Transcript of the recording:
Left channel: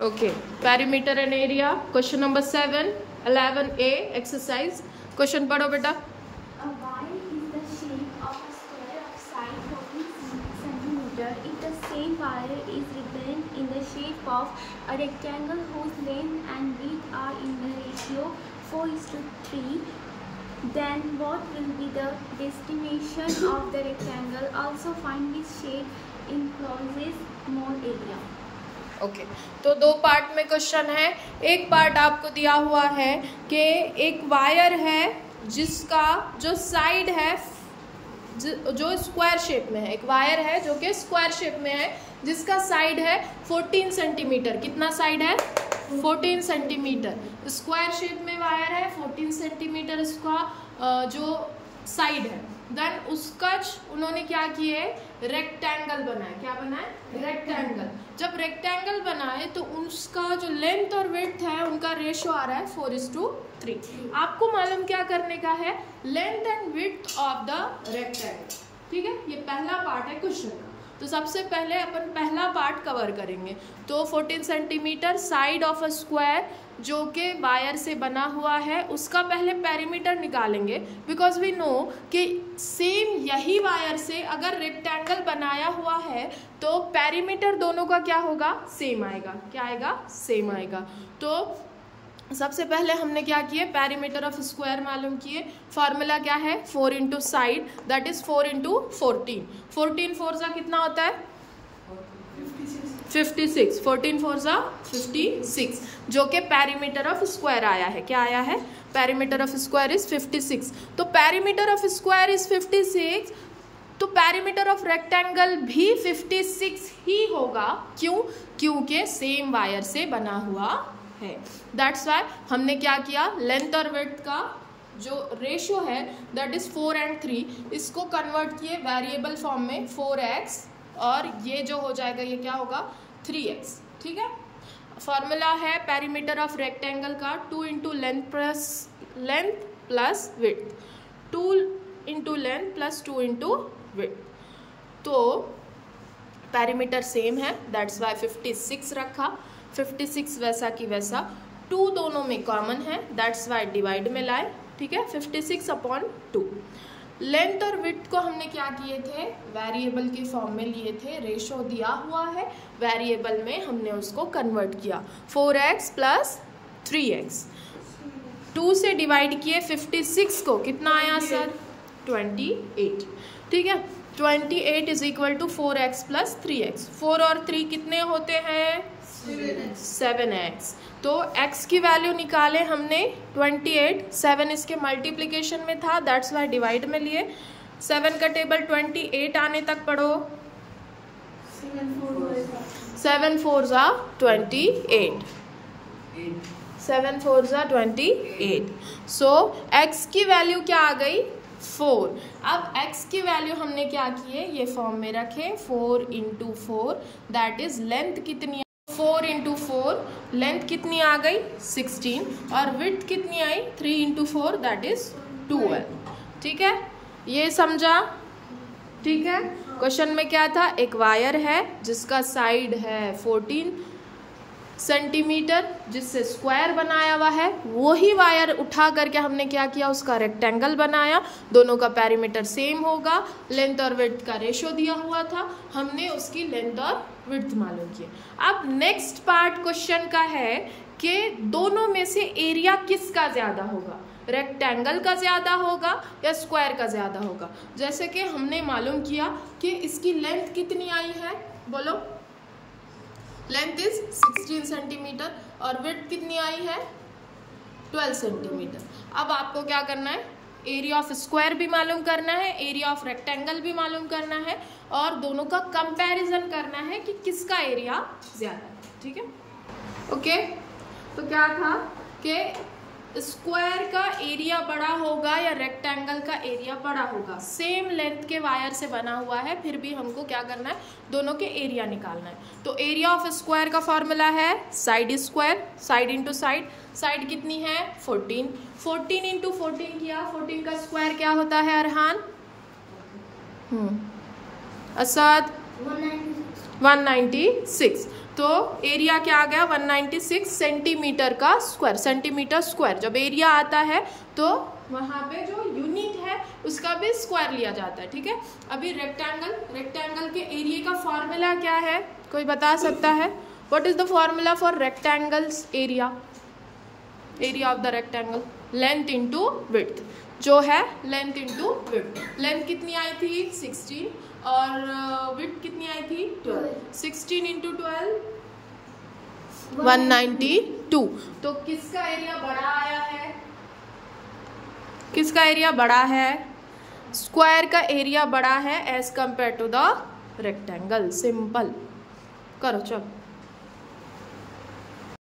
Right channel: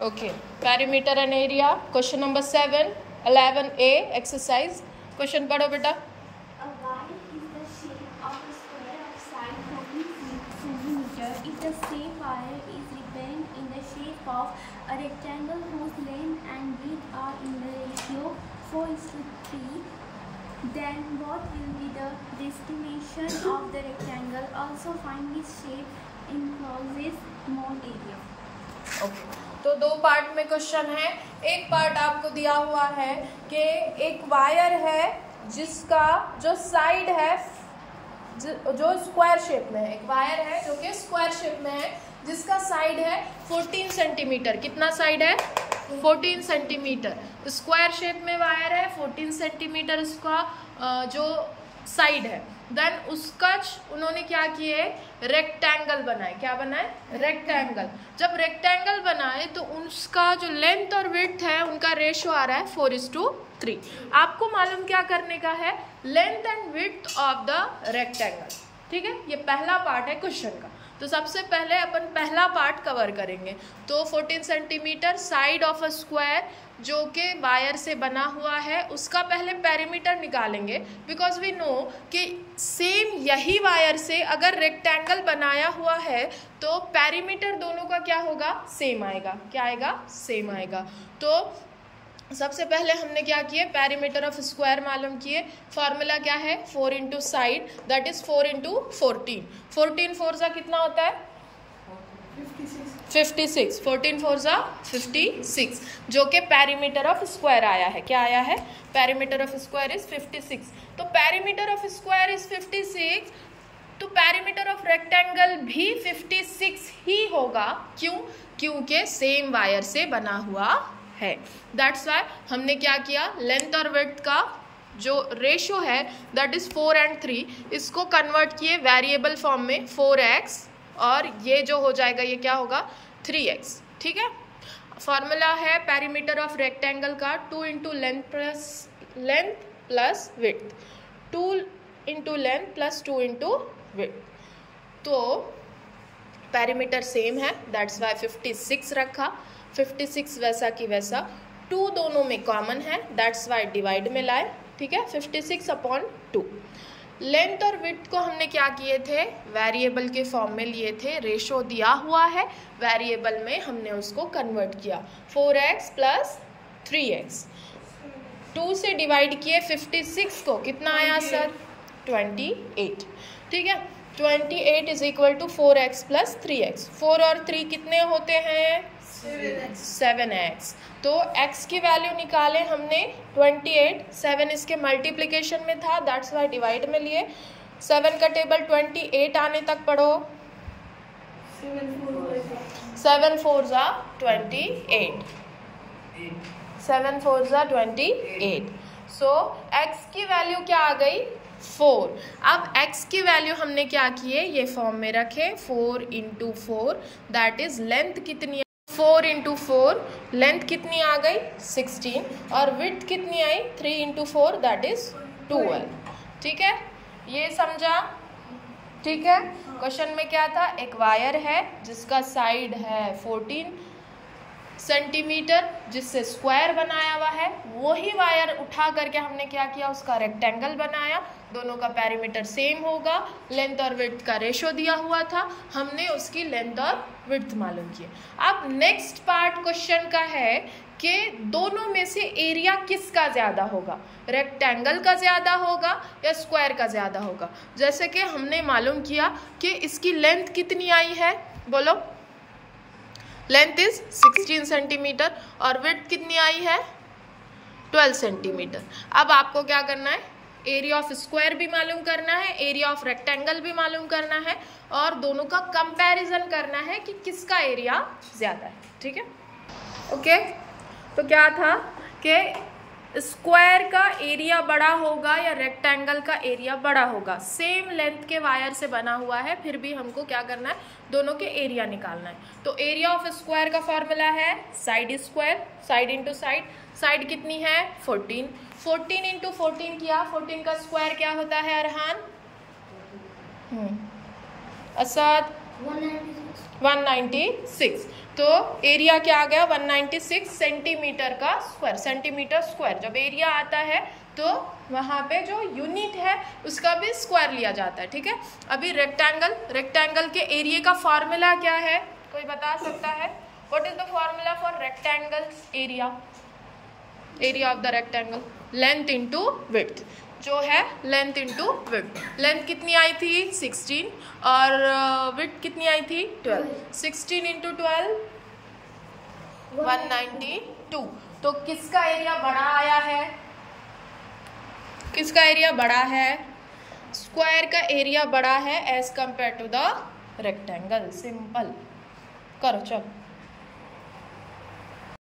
Okay, perimeter and area. Question number 7, 11A exercise. Question पढ़ो बेटा. A wire is the shape of a square of side 14 centimeter. If the same wire is written in the shape of a rectangle whose length and width are in the ratio 4:3, then what will be the dimension of the rectangle? Also find which shape encloses more area. Okay तो दो part में question है. एक part आपको दिया हुआ है कि एक वायर है जिसका जो साइड है जो स्क्वायर शेप में है. एक वायर है जो कि स्क्वायर शेप में है जिसका साइड है 14 सेंटीमीटर. कितना साइड है? 14 सेंटीमीटर. स्क्वायर शेप में वायर है, 14 सेंटीमीटर इसका जो साइड है. देन उसका उन्होंने क्या किए? रेक्टेंगल बनाए. क्या बनाए? रेक्टेंगल. जब रेक्टेंगल बनाए तो उसका जो लेंथ और विड्थ है उनका रेशियो आ रहा है 4:3. आपको मालूम क्या करने का है? Length and width of the rectangle. ठीक है, ये पहला पार्ट है क्वेश्चन का. तो सबसे पहले अपन पहला पार्ट कवर करेंगे. तो 14 centimetre side of a square जो कि वायर से बना हुआ है उसका पहले पेरीमीटर निकालेंगे. बिकॉज वी नो कि सेम यही वायर से अगर रेक्टेंगल बनाया हुआ है तो पेरीमीटर दोनों का क्या होगा? सेम आएगा. क्या आएगा? सेम आएगा. तो सबसे पहले हमने क्या किए? पेरीमीटर ऑफ स्क्वायर मालूम किए. फॉर्मूला क्या है? 4 into side, that is 4 into 14. 14 4 जा कितना होता है? 56. 14 4 जा 56 जो कि पेरीमीटर ऑफ स्क्वायर आया है. क्या आया है? Perimeter of square is 56. तो पेरीमीटर ऑफ स्क्वायर इज 56 तो पेरीमीटर ऑफ रेक्टेंगल भी 56 ही होगा. क्यों? क्योंकि सेम वायर से बना हुआ है. दैट्स वाई हमने क्या किया? लेंथ और विड्थ का जो रेशियो है दैट इज 4 and 3, इसको कन्वर्ट किए वेरिएबल फॉर्म में 4x और ये जो हो जाएगा ये क्या होगा? 3x. ठीक है. फॉर्मूला है पेरीमीटर ऑफ रेक्टेंगल का 2 into length plus width. 2 into length plus 2 into width. तो पेरीमीटर सेम है दैट्स वाई 56 रखा. 56 वैसा की वैसा. 2 दोनों में कॉमन है दैट्स वाई डिवाइड में लाए. ठीक है, 56/2. लेंथ और विड्थ को हमने क्या किए थे? वेरिएबल के फॉर्म में लिए थे. रेशो दिया हुआ है, वेरिएबल में हमने उसको कन्वर्ट किया. 4x plus 3x. 2 से डिवाइड किए 56 को. कितना आया सर? 28. ठीक है, 28 is equal to 4x plus 3x. 4 और 3 कितने होते हैं? 7x. तो x की वैल्यू निकाले हमने 28. 7 इसके मल्टीप्लिकेशन में था दैट्स वाई डिवाइड में लिए. 7 का टेबल 28 आने तक पढ़ो. 7 4 जा 28. 7 4 जा 28. सो x की वैल्यू क्या आ गई? 4. अब x की वैल्यू हमने क्या किए? ये फॉर्म में रखे. 4 इंटू 4 दैट इज लेंथ कितनी? 4 इंटू 4 लेंथ कितनी आ गई? 16 और विड्थ कितनी आई? 3 इंटू 4 दैट इज 12. ठीक है, ये समझा? ठीक है. क्वेश्चन में क्या था? एक वायर है जिसका साइड है 14 सेंटीमीटर जिससे स्क्वायर बनाया हुआ है. वही वायर उठा करके हमने क्या किया? उसका रेक्टेंगल बनाया. दोनों का पेरीमीटर सेम होगा. लेंथ और विड्थ का रेशो दिया हुआ था. हमने उसकी लेंथ और विड्थ मालूम किए. अब नेक्स्ट पार्ट क्वेश्चन का है कि दोनों में से एरिया किसका ज्यादा होगा? रेक्टेंगल का ज्यादा होगा या स्क्वायर का ज्यादा होगा? जैसे कि हमने मालूम किया कि इसकी लेंथ कितनी आई है? बोलो. लेंथ इज 16 सेंटीमीटर और विड्थ कितनी आई है? 12 सेंटीमीटर. अब आपको क्या करना है? एरिया ऑफ स्क्वायर भी मालूम करना है, एरिया ऑफ रेक्टेंगल भी मालूम करना है और दोनों का कंपैरिजन करना है कि किसका एरिया ज्यादा है. ठीक है, ओके. तो क्या था कि स्क्वायर का एरिया बड़ा होगा या रेक्टेंगल का एरिया बड़ा होगा? सेम लेंथ के वायर से बना हुआ है फिर भी हमको क्या करना है? दोनों के एरिया निकालना है. तो एरिया ऑफ स्क्वायर का फॉर्मूला है side square. Side into side. Side कितनी है? 14. 14 इंटू 14 किया. 14 का स्क्वायर क्या होता है अरहान? असद 196। तो एरिया क्या आ गया 196 सेंटीमीटर का स्क्वायर, सेंटीमीटर स्क्वायर। जब एरिया आता है तो वहाँ पे जो यूनिट है उसका भी स्क्वायर लिया जाता है, ठीक है। अभी रेक्टेंगल, रेक्टेंगल के एरिया का फॉर्मूला क्या है, कोई बता सकता है? What is the formula for rectangles area? Area of the rectangle length into width, जो है लेंथ इंटू विड्थ। लेंथ कितनी आई थी 16 और विड्थ कितनी आई थी 12। 16 इंटू 12 192। तो किसका एरिया बड़ा आया है? किसका एरिया बड़ा है? स्क्वायर का एरिया बड़ा है as compared to the rectangle. Simple करो चल।